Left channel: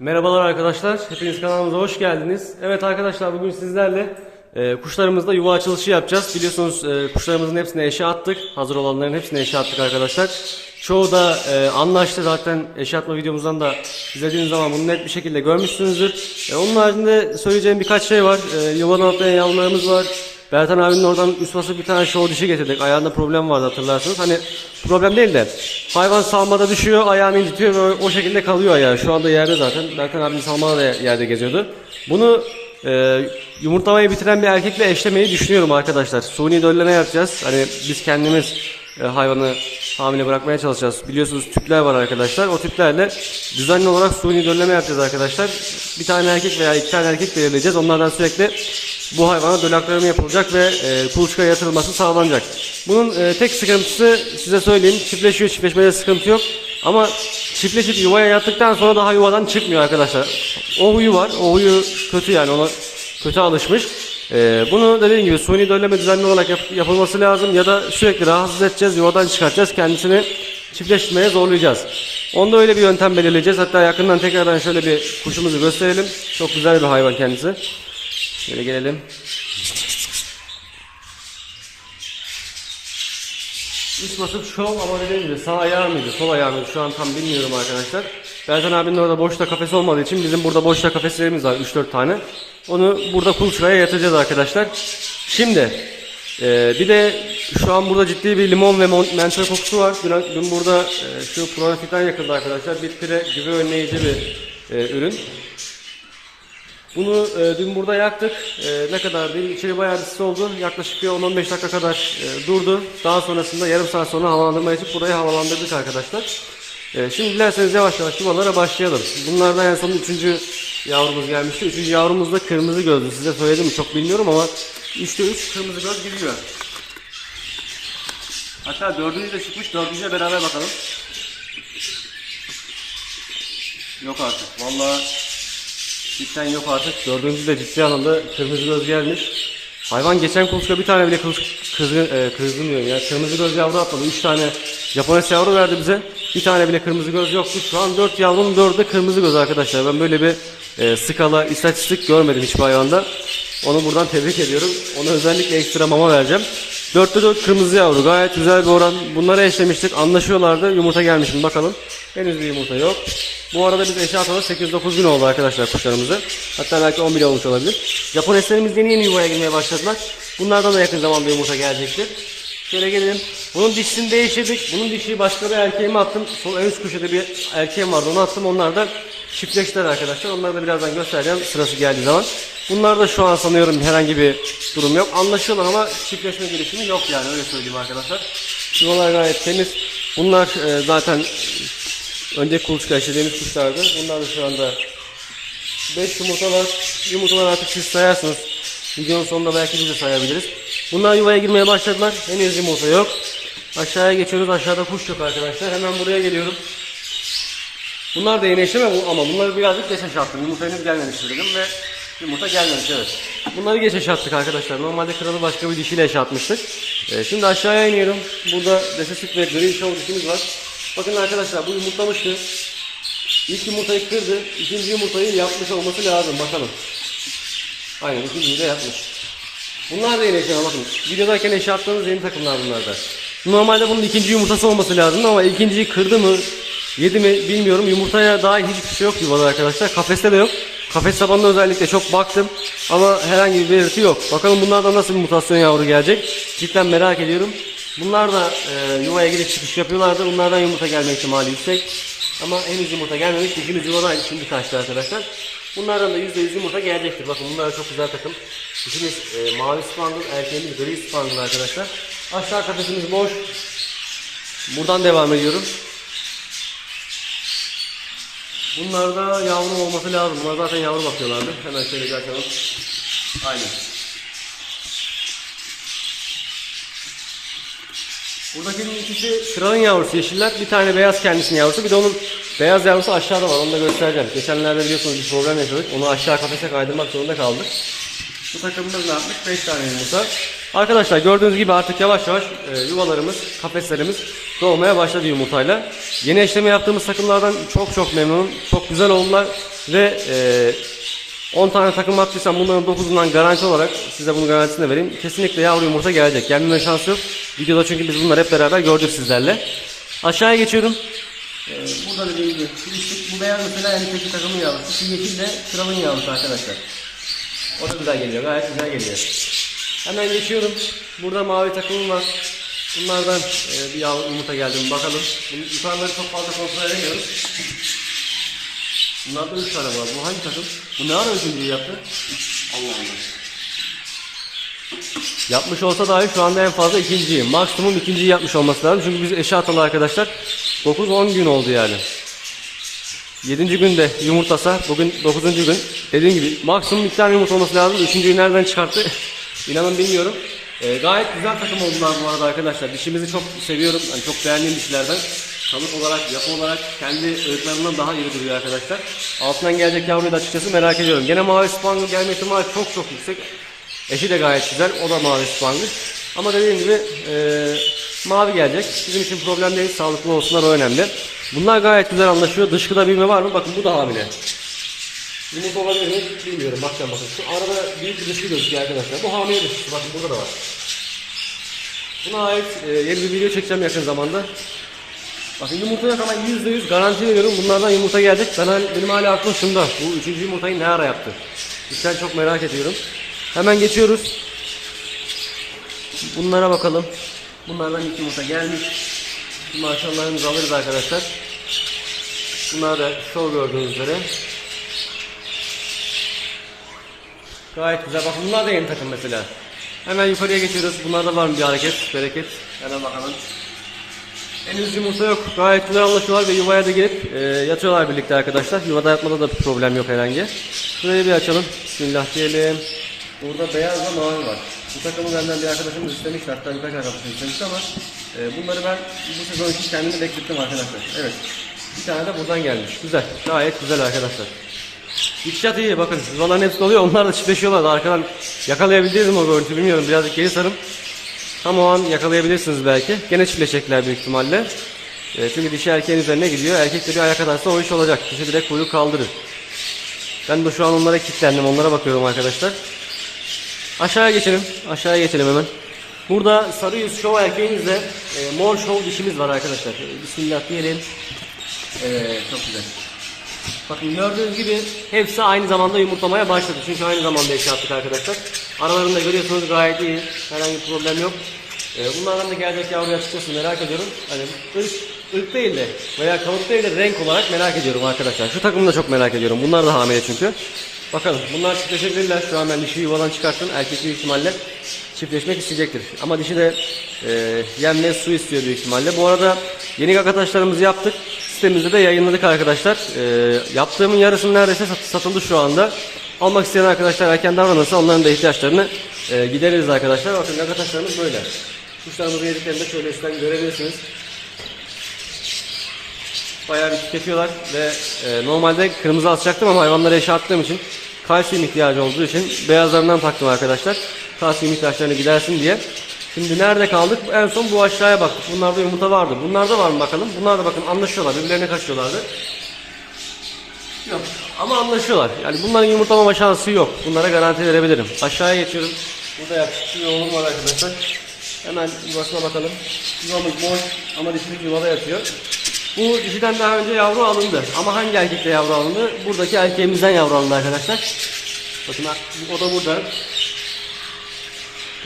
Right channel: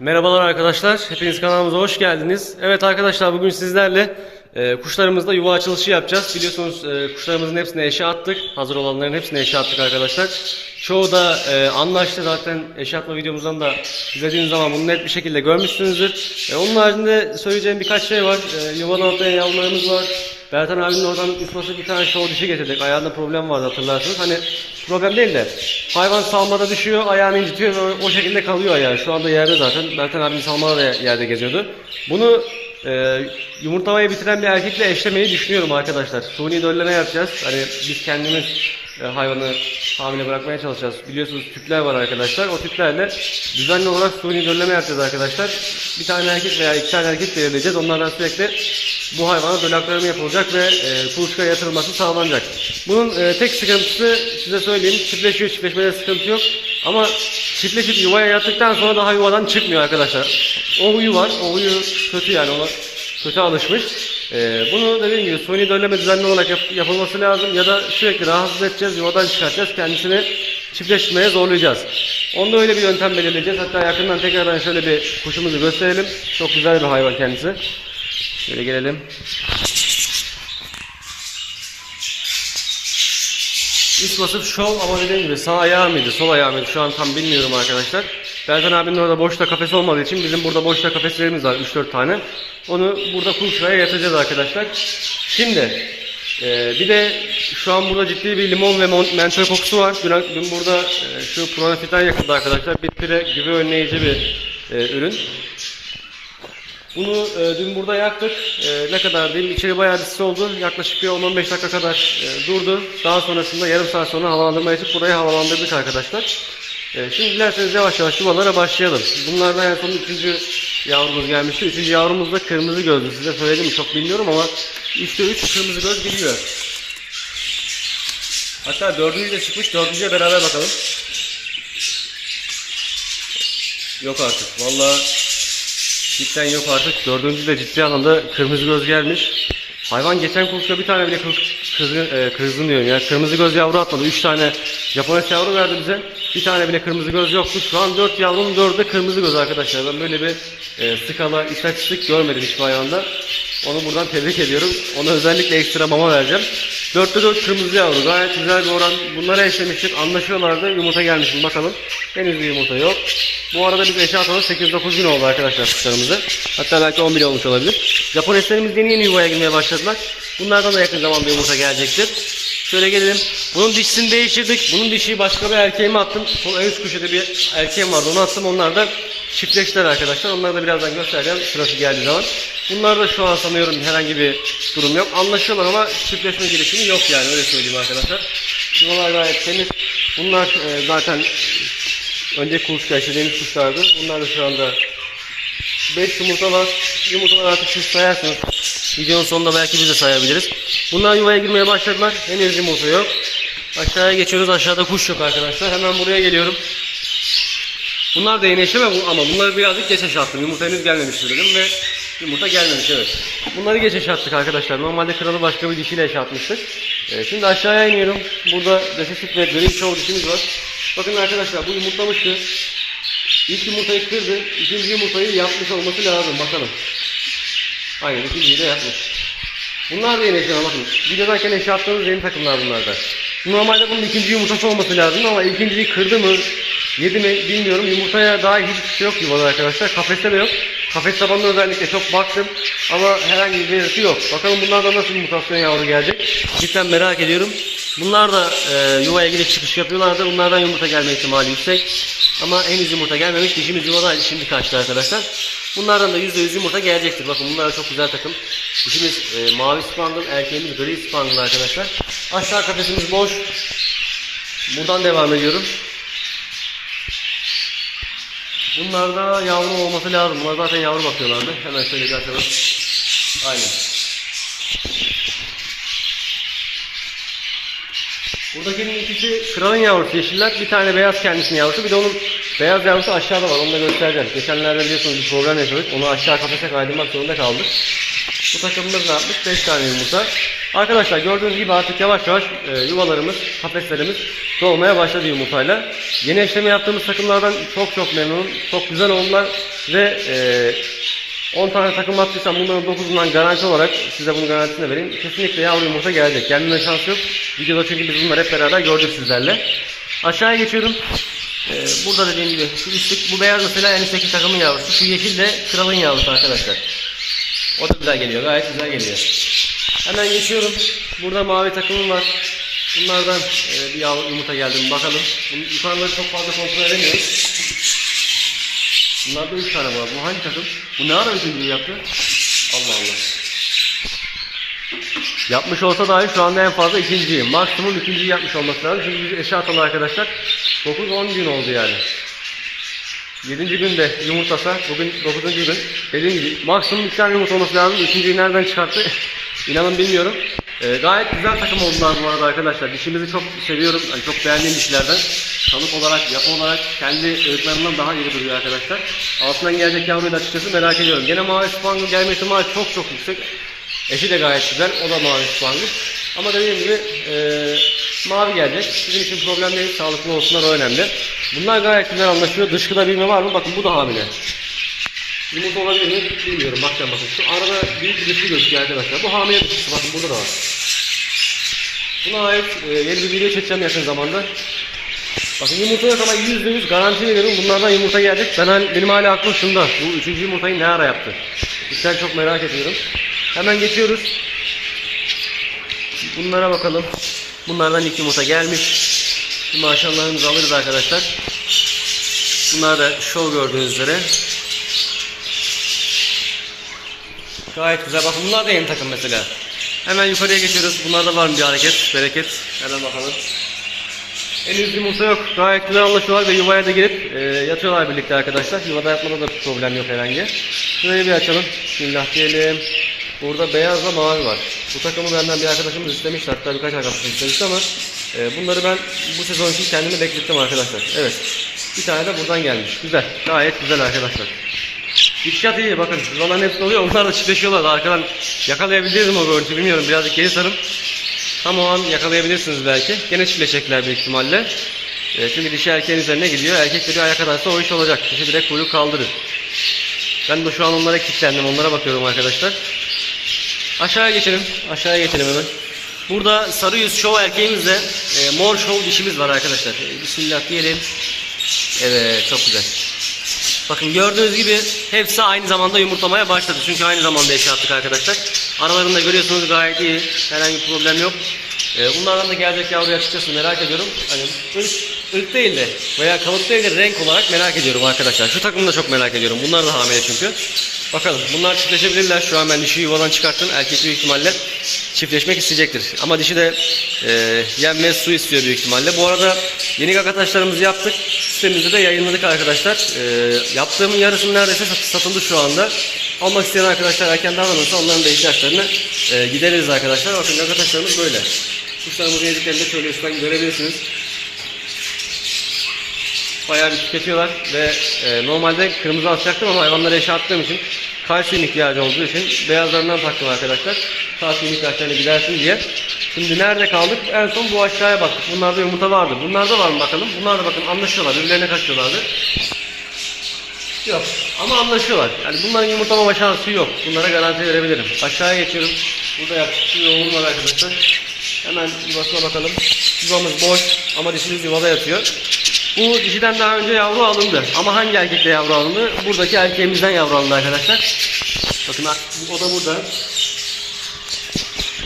Merhabalar arkadaşlar. Hepiniz kanalımıza hoş geldiniz. Evet arkadaşlar bugün sizlerle e, kuşlarımızla yuva açılışı yapacağız. Biliyorsunuz e, kuşlarımızın hepsine eşe attık. Hazır olanların hepsine eşe attık arkadaşlar. Çoğu da e, anlaştı zaten eşe atma videomuzdan da izlediğiniz zaman bunu net bir şekilde görmüşsünüzdür. E, onun haricinde söyleyeceğim birkaç şey var. E, yuvadan atlayan yavrularımız var. Bertan abinin oradan üst bir tane show dişi getirdik. Ayağında problem vardı hatırlarsınız. Hani problem değil de hayvan salmada düşüyor, ayağını incitiyor ve o şekilde kalıyor ayağı. Şu anda yerde zaten. Bertan abinin salmada da yerde geziyordu. Bunu e, yumurtlamayı bitiren bir erkekle eşlemeyi düşünüyorum arkadaşlar. Suni dölleme yapacağız. Hani biz kendimiz e, hayvanı hamile bırakmaya çalışacağız. Biliyorsunuz tüpler var arkadaşlar. O tüplerle düzenli olarak suni dölleme yapacağız arkadaşlar. Bir tane erkek veya iki tane erkek belirleyeceğiz. Onlardan sürekli bu hayvana döl aktarımı yapılacak ve e, kuluçkaya yatırılması sağlanacak. Bunun e, tek sıkıntısı size söyleyeyim. Çiftleşiyor, çiftleşmede sıkıntı yok. Ama çiftleşip yuvaya yattıktan sonra daha yuvadan çıkmıyor arkadaşlar. O huyu var. O huyu kötü yani ona kötü alışmış. Ee, bunu dediğim gibi suni dölleme düzenli olarak yap- yapılması lazım ya da sürekli rahatsız edeceğiz, yuvadan çıkartacağız, kendisini çiftleştirmeye zorlayacağız. Onda öyle bir yöntem belirleyeceğiz. Hatta yakından tekrardan şöyle bir kuşumuzu gösterelim. Çok güzel bir hayvan kendisi. Şöyle gelelim. İlk basıp şov ama dediğim gibi sağ ayağı mıydı, sol ayağı mıydı şu an tam bilmiyorum arkadaşlar. Bertan abinin orada boşta kafes olmadığı için bizim burada boşta kafeslerimiz var 3-4 tane. Onu burada kuluçkaya yatıracağız arkadaşlar. Şimdi e, bir de şu an burada ciddi bir limon ve mentol kokusu var. Dün, dün burada e, şu pronafitten yakıldı arkadaşlar. Bitpire güve önleyici bir e, ürün. Bunu e, dün burada yaktık. E, ne kadar diyeyim içeri bayağı bir sis oldu. Yaklaşık bir 10-15 dakika kadar e, durdu. Daha sonrasında yarım saat sonra havalandırma yapıp burayı havalandırdık arkadaşlar. E, şimdi dilerseniz yavaş yavaş yuvalara başlayalım. Bunlardan en son üçüncü yavrumuz gelmişti. Üçüncü yavrumuz da kırmızı gözlü. Size söyledim çok bilmiyorum ama 3'te 3 kırmızı göz bilmiyor. Hatta dördüncü de çıkmış. Dördüncüye beraber bakalım. Yok artık. Vallahi Cidden yok artık. Dördüncü de ciddi anlamda kırmızı göz gelmiş. Hayvan geçen kuluçka bir tane bile kız, kızgın, e, kızgın diyorum ya. Kırmızı göz yavru atmadı. Üç tane Japones yavru verdi bize. Bir tane bile kırmızı göz yoktu. Şu an dört yavrunun dördü de kırmızı göz arkadaşlar. Ben böyle bir e, skala, istatistik görmedim hiçbir hayvanda. Onu buradan tebrik ediyorum. Ona özellikle ekstra mama vereceğim. Dörtte dört kırmızı yavru. Gayet güzel bir oran. Bunları eşlemiştik. Anlaşıyorlardı. Yumurta gelmiş mi bakalım. Henüz bir yumurta yok. Bu arada biz eşya atalı 8-9 gün oldu arkadaşlar kuşlarımızı. Hatta belki 10 bile olmuş olabilir. Japoneslerimiz yeni yeni yuvaya girmeye başladılar. Bunlardan da yakın zamanda yumurta gelecektir. Şöyle gelelim. Bunun dişisini değiştirdik. Bunun dişi başka bir erkeğime attım. Sol en üst köşede bir erkeğim vardı. Onu attım. Onlar da çiftleştiler arkadaşlar. Onları da birazdan göstereceğim sırası geldiği zaman. Bunlar da şu an sanıyorum herhangi bir durum yok. Anlaşıyorlar ama çiftleşme girişimi yok yani öyle söyleyeyim arkadaşlar. Yuvalar gayet temiz. Bunlar e, zaten Önce kuluçka eşlediğimiz kuşlardı. Bunlar da şu anda 5 yumurtalar. Yumurtalar artık siz sayarsınız. Videonun sonunda belki biz de sayabiliriz. Bunlar yuvaya girmeye başladılar. Henüz yumurta yok. Aşağıya geçiyoruz. Aşağıda kuş yok arkadaşlar. Hemen buraya geliyorum. Bunlar da yeni eşleme ama bunları birazcık geç attım. Yumurta henüz gelmemiştir dedim ve yumurta gelmemiş evet. Bunları geç attık arkadaşlar. Normalde kralı başka bir dişiyle atmıştık. Ee, şimdi aşağıya iniyorum. Burada resesif ve gri show dişimiz var. Bakın arkadaşlar bu yumurtlamıştı. İlk yumurtayı kırdı. İkinci yumurtayı yapmış olması lazım. Bakalım. Aynen ikinciyi de yapmış. Bunlar da yeni eşyalar bakın. Videodayken eşya attığımız yeni takımlar bunlar da. Normalde bunun ikinci yumurtası olması lazım ama ikinciyi kırdı mı yedi mi bilmiyorum. Yumurtaya dair hiçbir şey yok yuvada arkadaşlar. Kafeste de yok. Kafes tabanına özellikle çok baktım ama herhangi bir belirti yok. Bakalım bunlardan nasıl bir mutasyon yavru gelecek. Cidden merak ediyorum. Bunlar da e, yuvaya gidip çıkış yapıyorlardı. Bunlardan yumurta gelme ihtimali yüksek. Ama henüz yumurta gelmemiş. Dişimiz yuvadaydı. Şimdi kaçtı arkadaşlar. Bunlardan da %100 yumurta gelecektir. Bakın bunlar çok güzel takım. Dişimiz e, mavi spangle, erkeğimiz gri spangle arkadaşlar. Aşağı kafesimiz boş. Buradan devam ediyorum. Bunlarda yavru olması lazım. Bunlar zaten yavru bakıyorlardı. Hemen şöyle bir açalım. Aynen. Buradakinin ikisi kralın yavrusu yeşiller. Bir tane beyaz kendisinin yavrusu. Bir de onun beyaz yavrusu aşağıda var. Onu da göstereceğim. Geçenlerde biliyorsunuz bir program yaşadık. Onu aşağı kafese kaydırmak zorunda kaldık. Bu takımımız ne yapmış? 5 tane yumurta. Arkadaşlar gördüğünüz gibi artık yavaş yavaş e, yuvalarımız, kafeslerimiz doğmaya başladı yumurtayla. Yeni eşleme yaptığımız takımlardan çok çok memnunum. Çok güzel oldular. Ve e, 10 tane takım attıysam bunların 9'undan garanti olarak size bunun garantisini vereyim. Kesinlikle yavru yumurta gelecek. Gelmeme şansı yok. Videoda çünkü biz bunları hep beraber gördük sizlerle. Aşağıya geçiyorum. Ee, burada dediğim gibi şu üstlük bu beyaz mesela en üstteki takımın yavrusu. Şu yeşil de kralın yavrusu arkadaşlar. O da güzel geliyor. Gayet güzel geliyor. Hemen geçiyorum. Burada mavi takımım var. Bunlardan e, bir yumurta geldi mi bakalım. Bunu, yukarıları çok fazla kontrol edemiyorum. Bunlarda 3 tane var. Bu hangi takım? Bu ne ara üçüncüyü yaptı? Allah Allah. Yapmış olsa dahi şu anda en fazla ikinciyim. Maksimum ikinciyi yapmış olması lazım. Çünkü biz eşe atalı arkadaşlar 9-10 gün oldu yani. 7. günde yumurtlasa bugün 9. gün. Dediğim gibi maksimum iki tane yumurta olması lazım. Üçüncüyü nereden çıkarttı? İnanın bilmiyorum. Ee, gayet güzel takım oldular bu arada arkadaşlar. Dişimizi çok seviyorum. Yani çok beğendiğim dişlerden. Kalıp olarak, yapı olarak kendi ırklarından daha iyi duruyor arkadaşlar. Altından gelecek yavruyu da açıkçası merak ediyorum. Gene mavi spangle gelme ihtimali çok çok yüksek. Eşi de gayet güzel. O da mavi spangle. Ama dediğim gibi e, mavi gelecek. Bizim için problem değil. Sağlıklı olsunlar o önemli. Bunlar gayet güzel anlaşıyor. Dışkıda bilme var mı? Bakın bu da hamile. Yumurta olabilir mi? Bilmiyorum. Bakacağım bakın. Şu arada büyük bir dışkı gözüküyor arkadaşlar. Bu hamile dışkısı. Bakın burada da var. Buna ait e, yeni bir video çekeceğim yakın zamanda. Bakın yumurtada sana yüzde yüz garanti veriyorum. Bunlardan yumurta gelecek. Ben, benim hala aklım şunda. Bu üçüncü yumurtayı ne ara yaptı? Cidden çok merak ediyorum. Hemen geçiyoruz. Bunlara bakalım. Bunlardan ilk yumurta gelmiş. Şimdi maşallahımızı alırız arkadaşlar. Bunlar da show gördüğünüz üzere. Gayet güzel. Bakın bunlar da yeni takım mesela. Hemen yukarıya geçiyoruz. Bunlarda var mı bir hareket, bereket? Hemen bakalım. Henüz yumurta yok. Gayet güzel anlaşıyorlar ve yuvaya da girip e, yatıyorlar birlikte arkadaşlar. Yuvada yatmada da bir problem yok herhangi. Şurayı bir açalım. Bismillah diyelim. Burada beyazla mavi var. Bu takımı benden bir arkadaşımız istemişti. Hatta birkaç arkadaşım istemişti ama e, bunları ben bu sezon için kendimi beklettim arkadaşlar. Evet. Bir tane de buradan gelmiş. Güzel. Gayet güzel arkadaşlar. Gidişat iyi bakın. Yuvaların hepsi oluyor. Onlar da çiftleşiyorlar. da Arkadan yakalayabildiniz mi o görüntüyü bilmiyorum. Birazcık geri sarın. Tam o an yakalayabilirsiniz belki. Gene çiftleşecekler büyük ihtimalle. E, çünkü dişi erkeğin üzerine gidiyor. Erkek de ayak atarsa o iş olacak. Dişi direkt kuyruk kaldırır. Ben de şu an onlara kilitlendim. Onlara bakıyorum arkadaşlar. Aşağıya geçelim. Aşağıya geçelim hemen. Burada sarı yüz şov erkeğimizle e, mor şov dişimiz var arkadaşlar. E, Bismillah diyelim. Evet çok güzel. Bakın gördüğünüz gibi hepsi aynı zamanda yumurtlamaya başladı. Çünkü aynı zamanda eşya attık arkadaşlar. Aralarında görüyorsunuz gayet iyi. Herhangi bir problem yok. Ee, bunlardan da gelecek yavruyu açıkçası merak ediyorum. Hani ırk, ırk değil de veya kalıp değil de renk olarak merak ediyorum arkadaşlar. Şu takımı da çok merak ediyorum. Bunlar da hamile çünkü. Bakalım bunlar çiftleşebilirler. Şu an ben dişi yuvadan çıkarttım. Erkek büyük ihtimalle çiftleşmek isteyecektir. Ama dişi de e, yem ve su istiyor büyük ihtimalle. Bu arada yeni kakataşlarımızı yaptık. Sitemizde de yayınladık arkadaşlar. E, yaptığımın yarısının neredeyse sat- satıldı şu anda. Almak isteyen arkadaşlar erken davranırsa onların da ihtiyaçlarını e, gideririz arkadaşlar. Bakın kakataşlarımız böyle. Kuşlarımızın yediklerini de şöyle üstten görebilirsiniz. Bayağı bir tüketiyorlar ve e, normalde kırmızı asacaktım ama hayvanlara attığım için kalsiyum ihtiyacı olduğu için beyazlarından taktım arkadaşlar. Kalsiyum ihtiyaçlarını gidersin diye. Şimdi nerede kaldık? En son bu aşağıya baktık. Bunlarda yumurta vardı. Bunlarda var mı bakalım? Bunlar da bakın anlaşıyorlar. Birbirlerine kaçıyorlardı. Yok. Ama anlaşıyorlar. Yani bunların yumurtlama şansı yok. Bunlara garanti verebilirim. Aşağıya geçiyorum. Burada yaklaşık bir yoğunluğum var arkadaşlar. Hemen yuvasına bakalım. Yuvamız boş ama dişimiz yuvada yatıyor. Bu dişiden daha önce yavru alındı. Ama hangi erkekle yavru alındı? Buradaki erkeğimizden yavru alındı arkadaşlar. Bakın o da burada.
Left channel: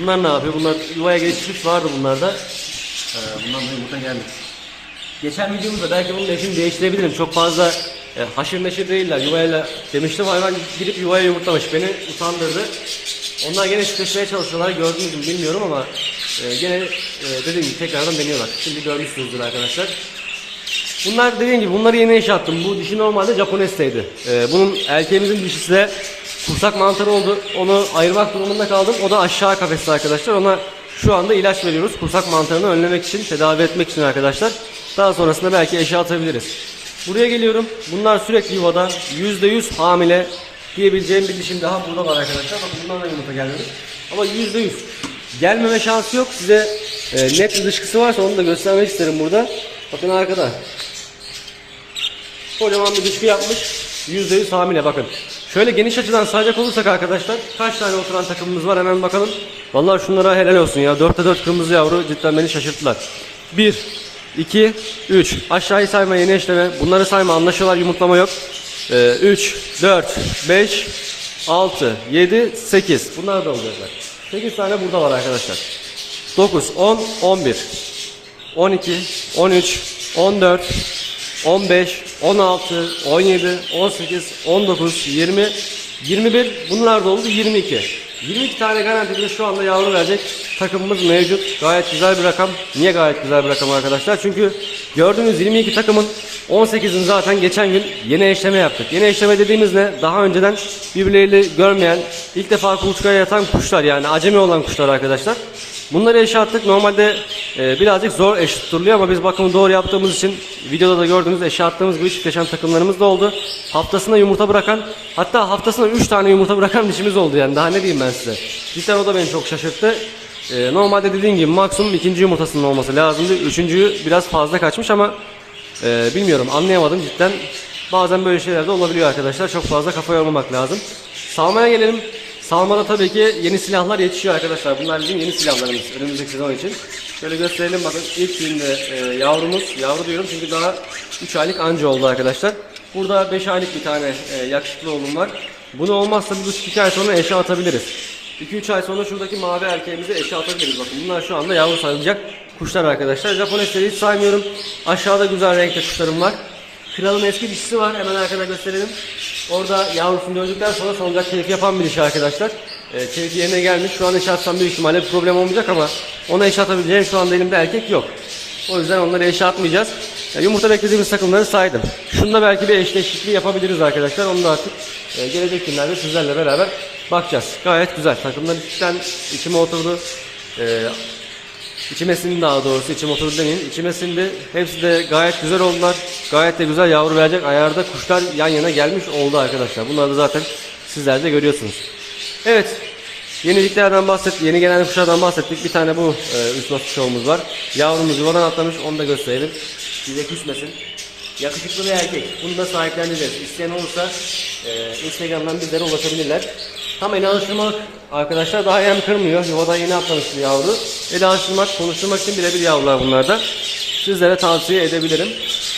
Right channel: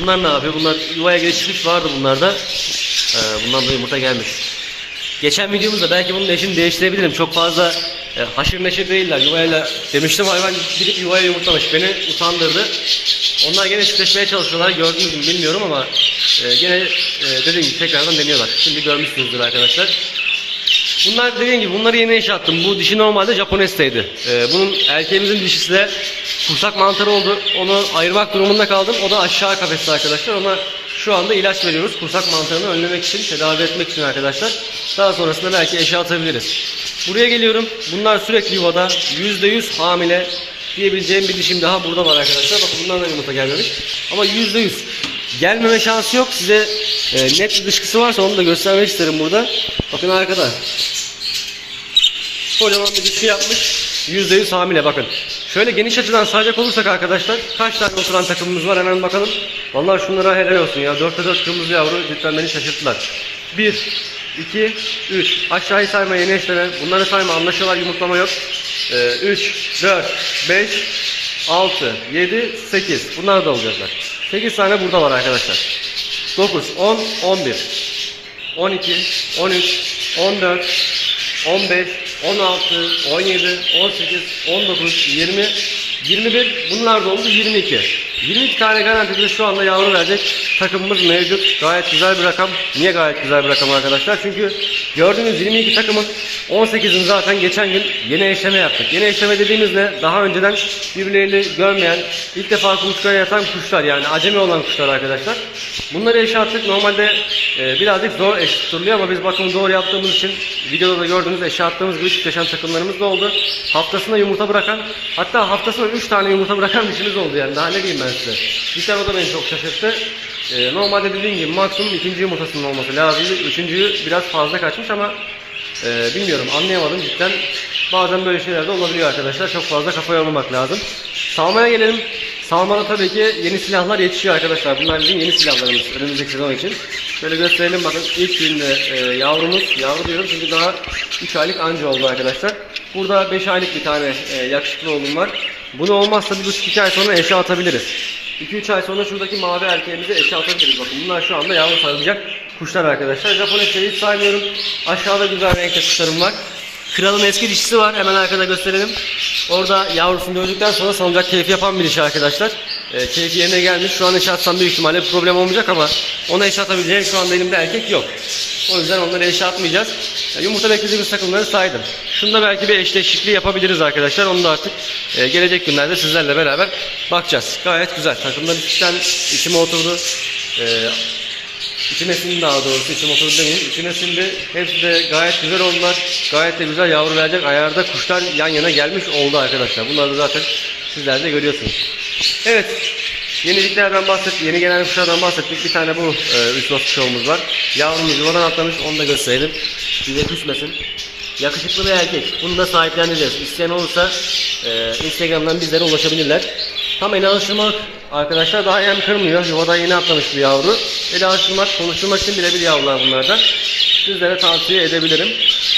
Bunlar ne yapıyor? Bunlar yuvaya geçmiş vardı bunlarda. Ee, bundan da yumurta gelmiş. Geçen videomuzda belki bunun eşini değiştirebilirim. Çok fazla e, haşır neşir değiller. Yuvayla demiştim hayvan gidip yuvaya yumurtlamış. Beni utandırdı. Onlar gene çiftleşmeye çalışıyorlar. Gördünüz mü bilmiyorum ama e, gene e, dediğim gibi tekrardan deniyorlar. Şimdi görmüşsünüzdür arkadaşlar. Bunlar dediğim gibi bunları yeni eşe attım. Bu dişi normalde Japonesteydi. Ee, bunun erkeğimizin dişisi de kursak mantarı oldu. Onu ayırmak durumunda kaldım. O da aşağı kafeste arkadaşlar. Ona şu anda ilaç veriyoruz. Kursak mantarını önlemek için, tedavi etmek için arkadaşlar. Daha sonrasında belki eşe atabiliriz. Buraya geliyorum. Bunlar sürekli yuvada. %100 hamile diyebileceğim bir dişim daha burada var arkadaşlar. Bakın bundan da yumurta gelmemiş. Ama %100 gelmeme şansı yok. Size e, net bir dışkısı varsa onu da göstermek isterim burada. Bakın arkada. Kocaman bir dişi yapmış. %100 hamile bakın. Şöyle geniş açıdan sayacak olursak arkadaşlar kaç tane oturan takımımız var hemen bakalım. Vallahi şunlara helal olsun ya. 4'te 4 kırmızı yavru cidden beni şaşırttılar. 1, 2, 3. Aşağıyı sayma yeni eşleme. Bunları sayma anlaşıyorlar yumurtlama yok. Ee, 3, 4, 5, 6, 7, 8. Bunlar da olacaklar. 8 tane burada var arkadaşlar. 9, 10, 11, 12, 13, 14, 15, 16, 17, 18, 19, 20, 21 bunlar da oldu 22. 22 tane garantide şu anda yavru verecek takımımız mevcut. Gayet güzel bir rakam. Niye gayet güzel bir rakam arkadaşlar? Çünkü gördüğünüz 22 takımın 18'ini zaten geçen gün yeni eşleme yaptık. Yeni eşleme dediğimiz ne? Daha önceden birbirleriyle görmeyen, ilk defa kuluçkaya yatan kuşlar yani acemi olan kuşlar arkadaşlar. Bunları eşe attık. Normalde e, birazcık zor eş tutuluyor ama biz bakımı doğru yaptığımız için videoda da gördüğünüz eşe attığımız gibi çiftleşen takımlarımız da oldu. Haftasına yumurta bırakan hatta haftasına 3 tane yumurta bırakan dişimiz oldu yani daha ne diyeyim ben size. Cidden o da beni çok şaşırttı. E, normalde dediğim gibi maksimum ikinci yumurtasının olması lazımdı. Üçüncüyü biraz fazla kaçmış ama e, bilmiyorum anlayamadım cidden. Bazen böyle şeyler de olabiliyor arkadaşlar. Çok fazla kafa yormamak lazım. Salmaya gelelim. Salmana tabii ki yeni silahlar yetişiyor arkadaşlar. Bunlar bizim yeni silahlarımız önümüzdeki sezon için. Şöyle gösterelim bakın ilk günde e, yavrumuz, yavru diyorum çünkü daha 3 aylık anca oldu arkadaşlar. Burada 5 aylık bir tane e, yakışıklı oğlum var. Bunu olmazsa 1,5-2 ay sonra eşe atabiliriz. 2-3 ay sonra şuradaki mavi erkeğimizi eşe atabiliriz. Bakın bunlar şu anda yavru sarılacak kuşlar arkadaşlar. Japonesi hiç saymıyorum. Aşağıda güzel renkte kuşlarım var. Kralın eski dişisi var. Hemen arkada gösterelim. Orada yavrusunu dövdükten sonra salınacak keyfi yapan bir dişi arkadaşlar. E, keyfi yerine gelmiş. Şu an eşe atsam büyük ihtimalle bir problem olmayacak ama ona eşe atabileceğim şu anda elimde erkek yok. O yüzden onları eşe atmayacağız. Yani yumurta beklediğimiz takımları saydım. Şunda belki bir eşleşikliği yapabiliriz arkadaşlar. Onu da artık e, gelecek günlerde sizlerle beraber bakacağız. Gayet güzel. Takımlar içten içime oturdu. E, İçime sindi daha doğrusu içime oturdu demeyeyim. İçime sindi. Hepsi de gayet güzel oldular. Gayet de güzel yavru verecek ayarda kuşlar yan yana gelmiş oldu arkadaşlar. Bunları zaten sizler de görüyorsunuz. Evet. Yeniliklerden bahsettik. Yeni gelen kuşlardan bahsettik. Bir tane bu e, üç not kuşağımız var. Yavrumuz yuvadan atlamış. Onu da gösterelim. Size küsmesin. Yakışıklı bir erkek. Bunu da sahipleneceğiz. İsteyen olursa e, Instagram'dan bizlere ulaşabilirler. Tam el alıştırmalık arkadaşlar daha yem kırmıyor. Yuvada yeni atlamış bir yavru. El alıştırmak, konuşturmak için birebir yavrular bunlarda. Sizlere tavsiye edebilirim.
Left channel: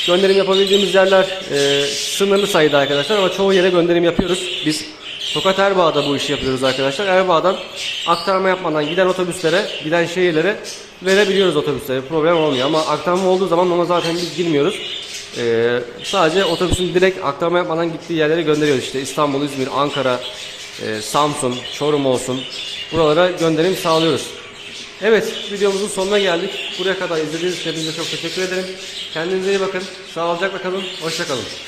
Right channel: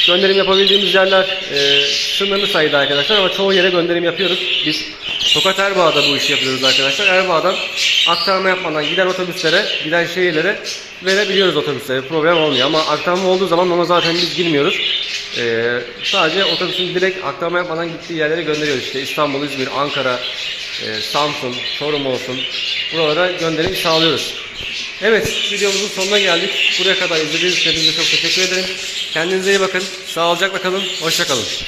Gönderim yapabildiğimiz yerler e, sınırlı sayıda arkadaşlar ama çoğu yere gönderim yapıyoruz. Biz Tokat Erbaa'da bu işi yapıyoruz arkadaşlar. Erbaa'dan aktarma yapmadan giden otobüslere, giden şehirlere verebiliyoruz otobüslere. Problem olmuyor ama aktarma olduğu zaman ona zaten biz girmiyoruz. Ee, sadece otobüsün direkt aktarma yapmadan gittiği yerlere gönderiyoruz işte İstanbul, İzmir, Ankara, e, Samsun, Çorum olsun. Buralara gönderim sağlıyoruz. Evet videomuzun sonuna geldik. Buraya kadar izlediğiniz için çok teşekkür ederim. Kendinize iyi bakın. Sağlıcakla kalın. Hoşça kalın.